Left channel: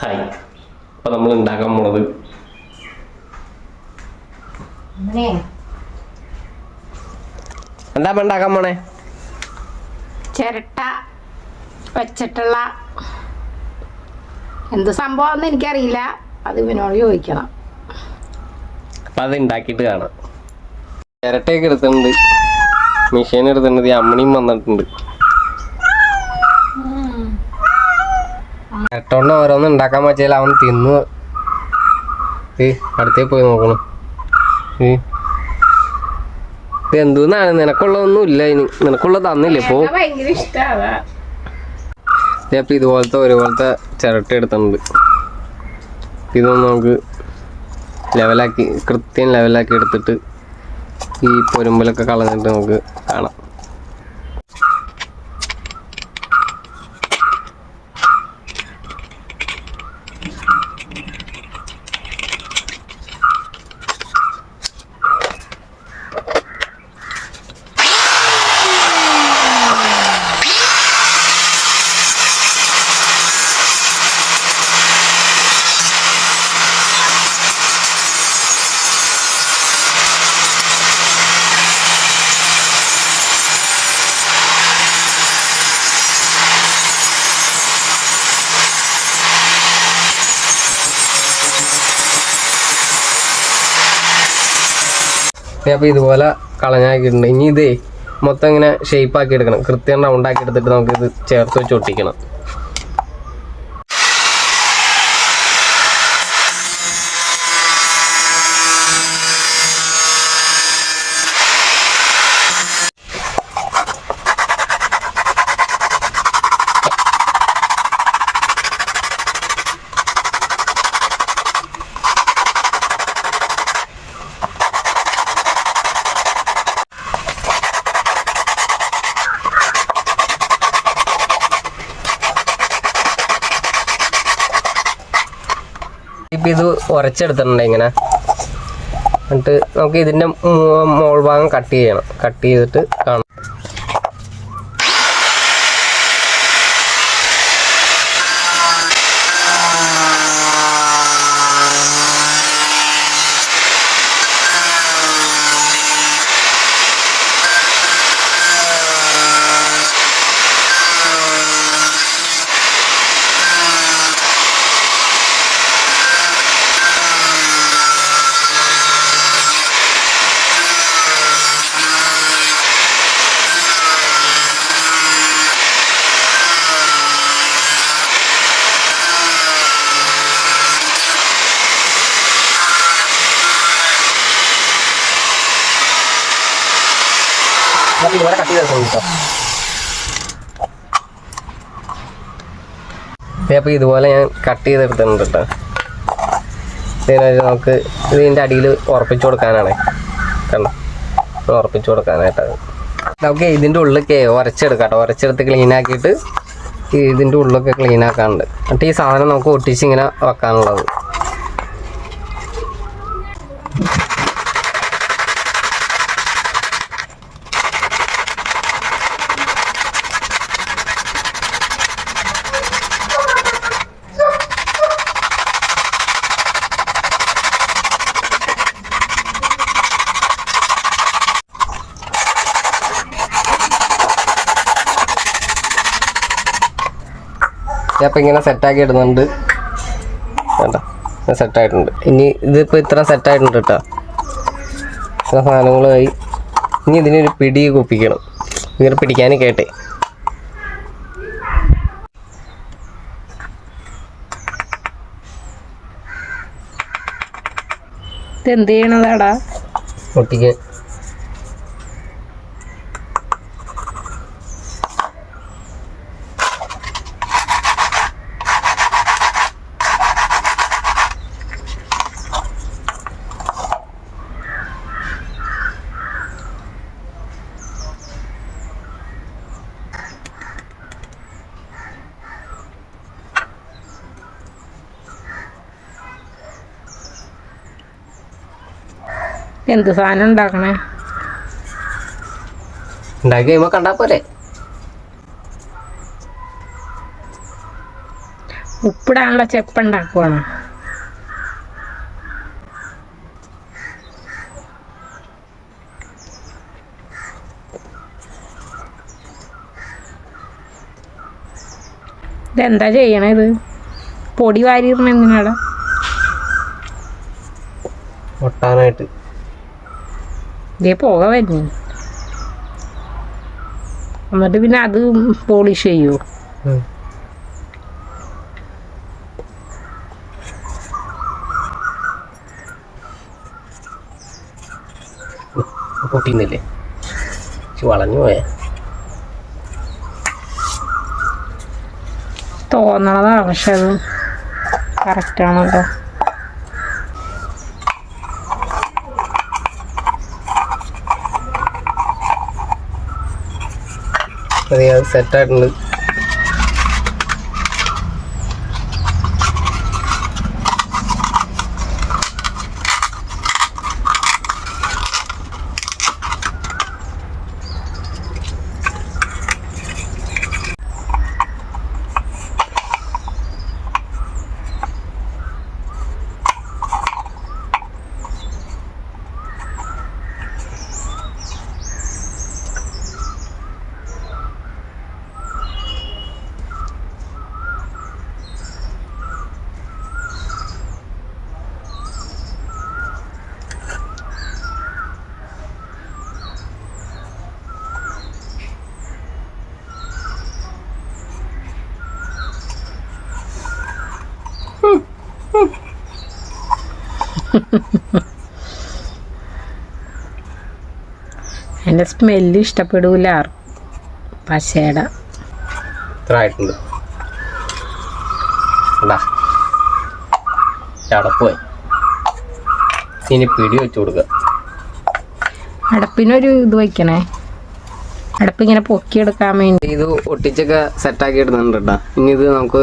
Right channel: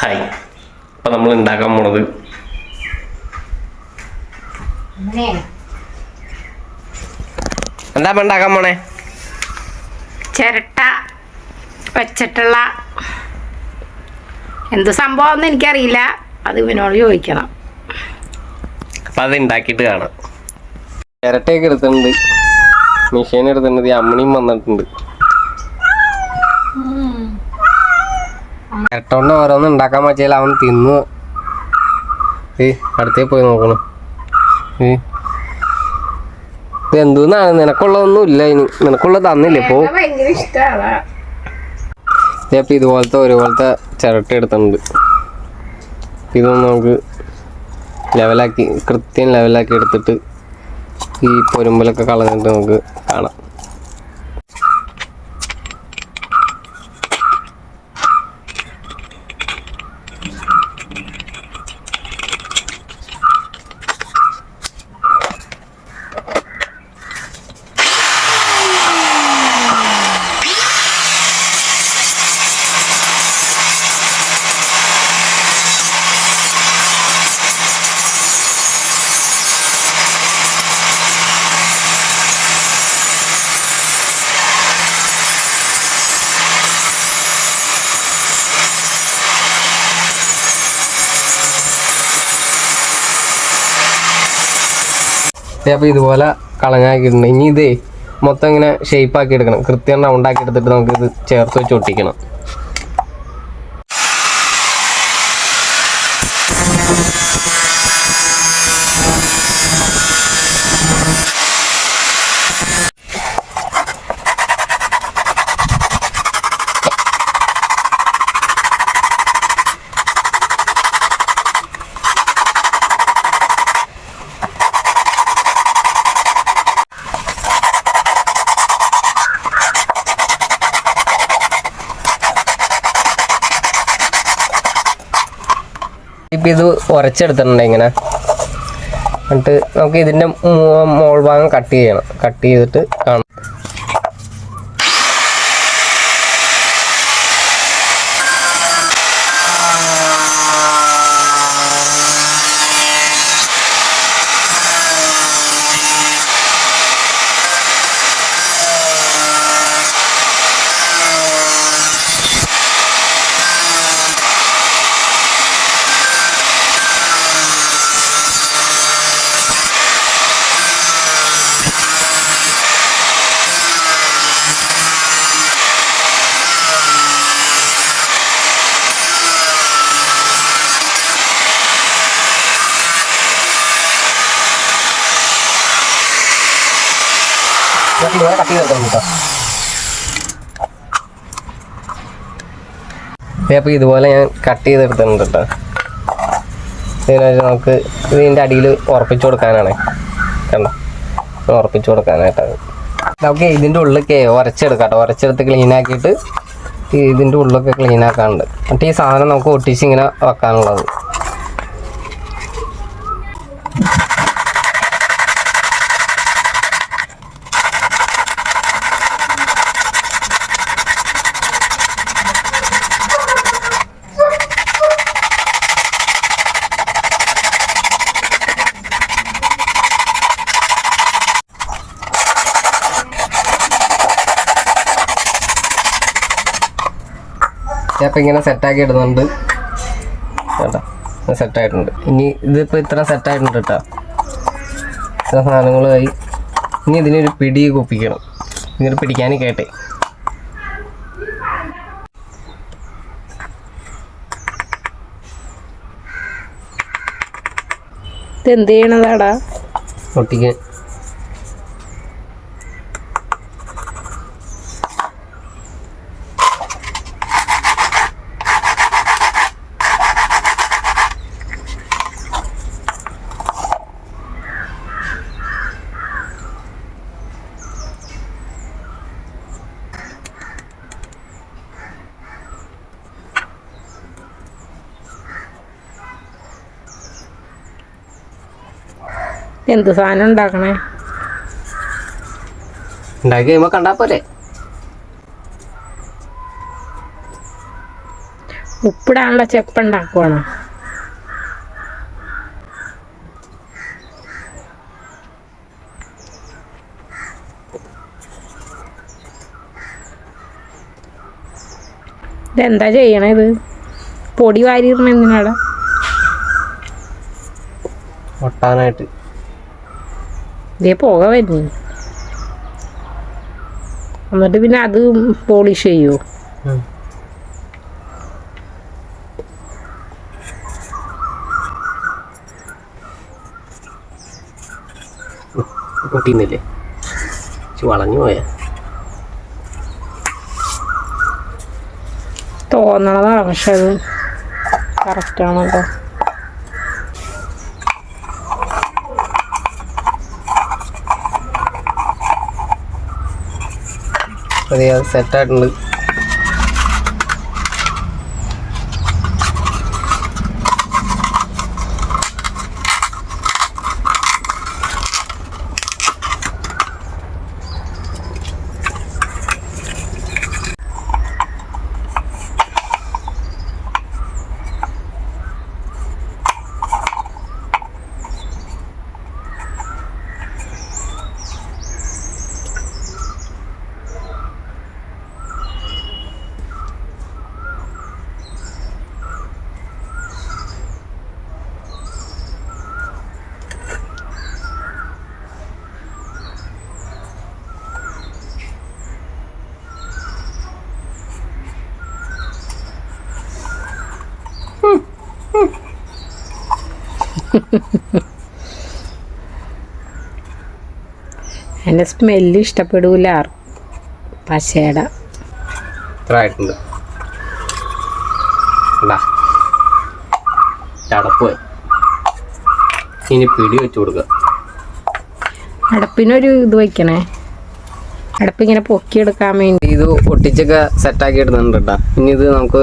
Hi. ഇപ്പം നമ്മൾ ഉണ്ടാക്കാൻ പോണത്. എന്താ ഉണ്ടാക്കാൻ പോണേ? ചിരട്ട വെച്ചിട്ടുള്ള എന്ത് സംഭവം എനിക്കറിയില്ല. അത് ഇവനോട് ചോദിക്കണം. അപ്പം അത് ഉണ്ടാക്കിയിട്ട് കാണാം. ചിരട്ടയൊക്കെ എടുത്തിട്ടുണ്ട്. മിഷീൻ എടുത്തിട്ടുണ്ട്. ഈ അമ്മണിയും വന്നിട്ടുണ്ട്. ചിരട്ട കൊണ്ട് ഓരോന്ന് ഉണ്ടാക്കാൻ പറ്റിയാൽ അവൻ തിന്നു. ഏ അടുത്തേ പോയി നോക്കണം. ഏ. ഇത് എന്തോന്നാണ്? നിനക്കുള്ളതൊന്നും ഇല്ല ഇനി. നിനക്കുള്ളത് തന്നില്ലേ? ഇപ്പോ ഇപ്പം ഇതുപോലത്തെ ഒരുപോലത്തെ ചിരട്ട എടുത്തിട്ടുണ്ട്. ഇതൊന്ന് നമുക്ക് ലെവലാക്കി കൃത്യം ലെവലാക്കി എടുത്തിട്ട് ഈ പൊരുമ്പലൊക്കെ കളഞ്ഞിട്ട് നമുക്ക് കാണാം. അപ്പോൾ ഇതുപോലെ കളഞ്ഞാക്കിയിട്ടുണ്ട്. ഇനി ഇതേ മൊത്തം ഇങ്ങനെ ഷേപ്പ് ആക്കി എടുക്കണം. കൃത്യം റൗണ്ട് ആക്കി എടുത്തിട്ട് നമുക്കിത് ചേർത്ത് വെച്ച് ഒട്ടിക്കണം. ഇപ്പം ഇത് ഉരച്ചെടുത്തിട്ടുണ്ട് ഇങ്ങനെ. എന്നിട്ട് നമുക്ക് ഇതിന്റെ മോൾ ഭാഗം കട്ട് ചെയ്യണം. കട്ട് ചെയ്തിട്ട് കാണാം. ഇതുപോലെ കട്ട് ചെയ്തിട്ടുണ്ട് കേട്ടോ. അപ്പോൾ ഇതുപോലെ ഞാൻ കട്ട് ചെയ്തെടുത്തിട്ടുണ്ട് കേട്ടോ. ഇതിനായിട്ട് നമുക്ക് ഇതിന്റെ അടിയിൽ ഉറപ്പിച്ചു കൊടുക്കാനാണ്. കണ്ടോ? ഉറപ്പിച്ചു കൊടുക്കാനായിട്ടാണ്. നമുക്ക് ഇതിന്റെ ഉള്ളിലൊക്കെ ഉരച്ചെടുക്കാം കേട്ടോ. ഉരച്ചെടുത്ത് ക്ലീൻ ആക്കിയിട്ട് ഇതിന്റെ ഉള്ളിലൊക്കെ ക്ലീൻ ആക്കാനുണ്ട്. എന്നിട്ട് ഈ സാധനം നമുക്ക് ഒട്ടിച്ച് ഇങ്ങനെ വെക്കാനുള്ളത്. അപ്പം ഇങ്ങനെ സെറ്റാക്കി ഇടുന്നുണ്ട്. കേട്ടോ സെറ്റായിട്ടുണ്ട് ഇനി ഇതിപ്പോൾ ഇത്ര സെറ്റായിട്ടുണ്ട് കേട്ടോ ഇത്ര സാധനങ്ങളുമായി ഇനി ഇതിനൊരു പിടി കുപ്പിക്കണം. ഇങ്ങനെ പിടിക്കാൻ കേട്ടെ. എന്ത് ചെയ്യണതാടാ? ഒട്ടിക്കാൻ എന്ത് സാധനം ഉണ്ടാക്കണേ? ഉണ്ടാക്കി കഴിയുമ്പോൾ കണ്ടാൽ പോരെ. ഉപ്പിടാനുള്ള ചെപ്പുണ്ടാക്കുവാണ് ഇതെന്താ ചെയ്യണേ ഇത്? പൊടി വാരിയിരുന്ന എന്തിനാടാ? ഒട്ടാനായിട്ട്. ഇതേ പുക വരുന്നു. എന്നിട്ട് പിന്നെ അത് പോളിഷ് ചെയ്യുമോ. പൊട്ടിന്നില്ലേ വളഞ്ഞു പോയ. തോന്നണതാണ് പക്ഷെ അത് കറക്റ്റാണല്ലോ അത് സെറ്റായിട്ടുണ്ട് എന്റെ സ്മെല്ല് ഇഷ്ടപ്പെടൂല പശയുടെ ഇനി പിടി വെച്ച് കൊടുക്കുക അടപ്പിനൊരു ഇത് വയ്ക്കണേ അടപ്പിങ്ങനെ പൊക്കിയെടുക്കാൻ വേണ്ടി. ഇത് ഒട്ടിച്ചൊക്കെ സെറ്റാക്കി ഇടുന്നുണ്ട് കേട്ടോ ഇനി ഇത് നമുക്ക്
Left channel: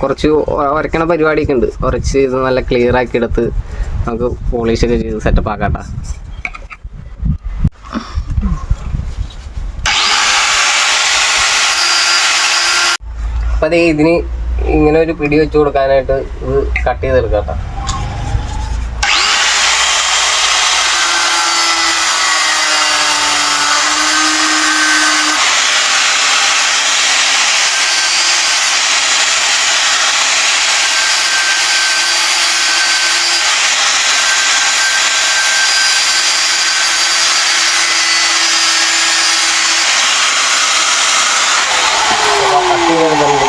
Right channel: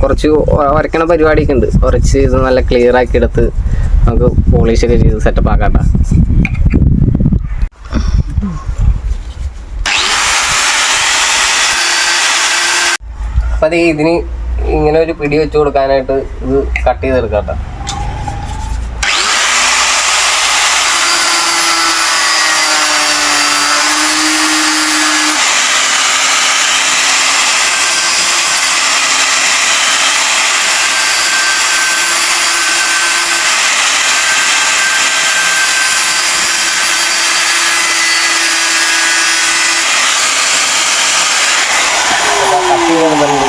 കുറച്ച് വരയ്ക്കണ പരിപാടിയൊക്കെ ഉണ്ട്. കുറച്ച് ഇത് നല്ല ക്ലിയർ ആക്കി എടുത്ത് നമുക്ക് പോളിഷ് ഒക്കെ ചെയ്ത് സെറ്റപ്പ് ആക്കാട്ടാ. അപ്പൊ ഇതിന് ഇങ്ങനെ ഒരു പിടി വെച്ച് കൊടുക്കാനായിട്ട് ഇത് കട്ട് ചെയ്തെടുക്കാം കേട്ടോ അപ്പൊ കട്ട് ചെയ്തെടുക്കുന്നുണ്ട്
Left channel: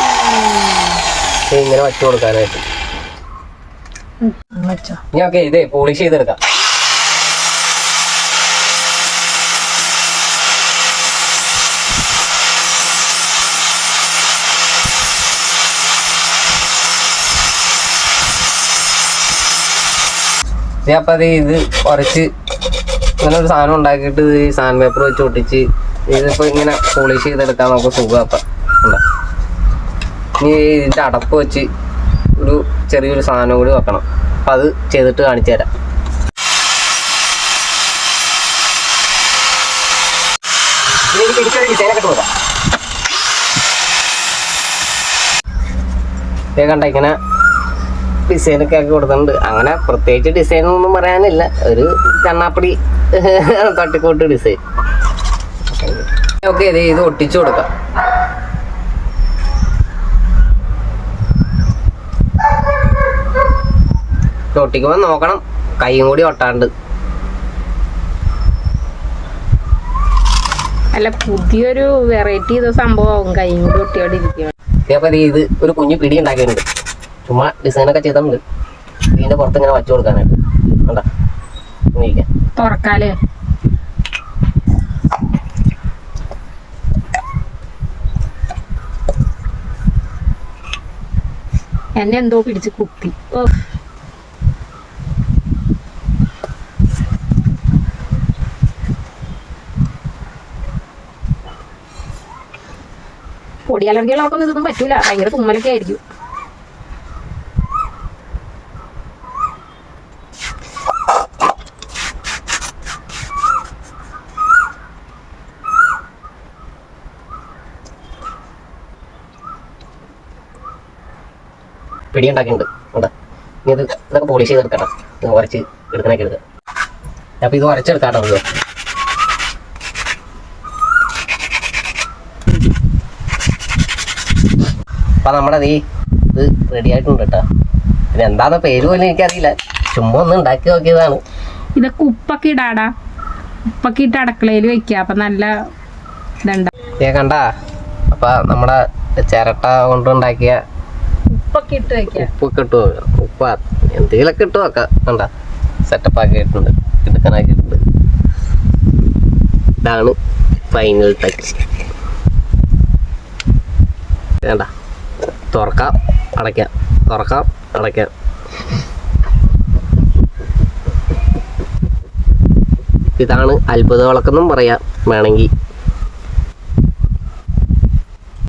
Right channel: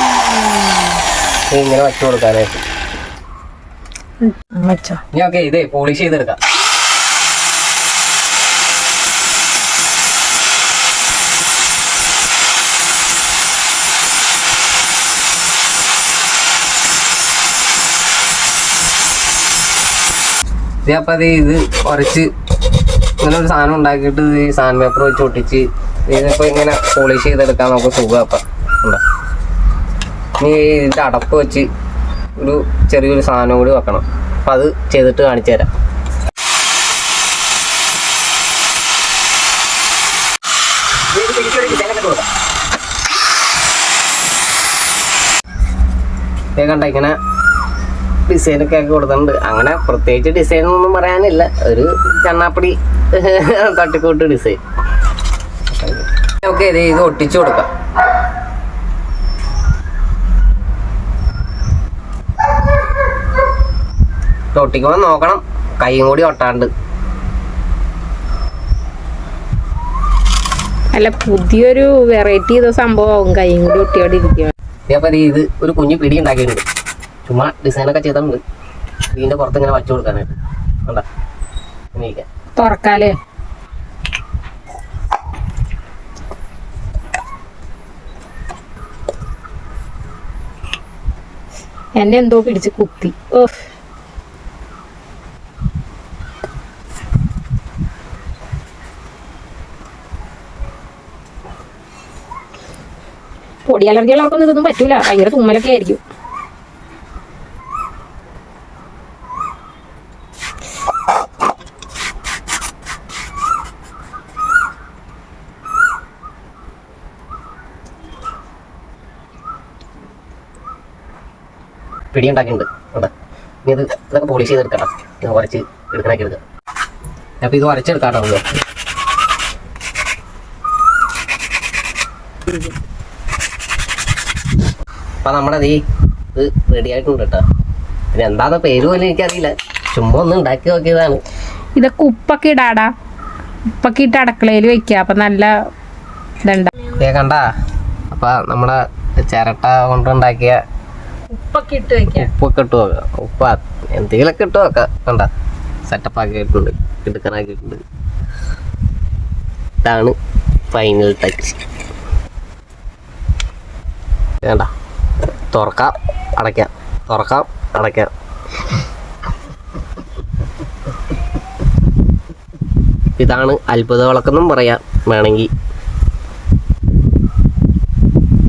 ഇങ്ങനെ വച്ചു കൊടുക്കാനായിട്ട്. ഇനി ഓക്കെ ഇതേ പോളിഷ് ചെയ്തെടുക്കാം. അപ്പൊ അത് ഇത് കുറച്ച് ഇങ്ങനെ ഒരു സാധനം ഉണ്ടാക്കിയിട്ട് ഈ സാൻഡ് പേപ്പർ വെച്ച് ഒട്ടിച്ച് ഇതിപ്പോ ഇങ്ങനെ പോളിഷ് ചെയ്തെടുക്കാൻ നമുക്ക് സുഖം അപ്പൊ. ഉണ്ടോ? ഇനി ഇതിന്റെ അടപ്പ് വെച്ച് ഒരു ചെറിയൊരു സാധനം കൂടി വെക്കണം. അപ്പം അത് ചെയ്തിട്ട് കാണിച്ചു തരാം. കണ്ട ഇങ്ങനെ ഡിസൈനൊക്കെ ആക്കി കൊടുത്തിട്ടുണ്ട്. അങ്ങനെ പ്രത്യേകിച്ച് ഡിസൈൻ ഒന്നും പറയാനില്ല. ഒരു ചണ്ണാപ്പടി തട്ടിക്കോട്ട് ഡിസൈൻ ഓക്കെ ഇത് ഇത് ഒട്ടിച്ചു കൊടുക്കാം. ഒട്ടിക്കുമ്പോൾ നോക്കണം. കൈയും കൂടി ഒട്ടാണ്ട്. അല്ല പുതിയൊരു വെറൈറ്റി ചെയ്ത സംഭവം കൈയും കൂടി ഒട്ടിയോടെ ഇരിക്കുക ഇതേപോലെ ഇത് ഒരു കുഞ്ഞു പിടി ഉണ്ടാക്കിയിട്ടുണ്ട്. ചുമ്മാ ഡിസൈനൊക്കെ ചെയ്തിട്ടുണ്ട്. ഇതിന്റെ പുറത്ത് ഇങ്ങനെ വച്ചു കൊടുക്കാനായിട്ട്. തുറക്കാലേ. എന്നെ എന്തോ പിടിച്ച് കുത്തി. ഓ പൊടി അലർജികളൊക്കെ ഇതൊന്നും പറ്റൂല. ഭയങ്കര തുമ്മലൊക്കെ ആയിരിക്കും. പിടിയുണ്ടാക്കിയിട്ടുണ്ട്. ഇത് ഇതൊക്കെ പോളിഷ് ചെയ്തെടുക്കണം. ഇത് ഉരച്ച് എടുക്കണൊക്കെ എടുക്കാം. അപ്പോൾ ഇത് ഉരച്ചെടുക്കാട്ടോ അപ്പം നമ്മുടെ ഈ ഇത് റെഡി ആയിട്ടുണ്ട് കേട്ടോ പിന്നെ എന്താന്ന് പേര് പോലും എനിക്കറിയില്ല. ചുമ്മാ ഒന്ന് ഉണ്ടാക്കി നോക്കിയതാണ്. ഇതൊക്കെ ഉപ്പൊക്കെ ഇടാടാ. ഉപ്പൊക്കെ ഇട്ട് അടുക്കളയിൽ വെക്കുക. അപ്പം നല്ല ഇതുണ്ട. ഏ കണ്ട? അപ്പം നമ്മുടെ ചിരട്ട കൊണ്ടുണ്ടാക്കിയ ഉപ്പൊക്കെ ഇട്ട് വെക്കുക ഉപ്പൊക്കെ ഇട്ട് നോക്കാം ഉപ്പ് എന്തെങ്കിലുമൊക്കെ ഇട്ട് നോക്കാം കണ്ട? സെറ്റപ്പ് ആക്കിയിട്ടുണ്ട്. എടുക്കാനാക്കിയിട്ടുണ്ട്. ഇതാണ് ഫൈനൽ ടച്ച് വേണ്ട തുറക്കാം. അടയ്ക്കാം. തുറക്കാം. അടയ്ക്കാം. ഇതാണ് അത്ഭുത വിളക്കെന്നും പറയാം. വേണമെങ്കിൽ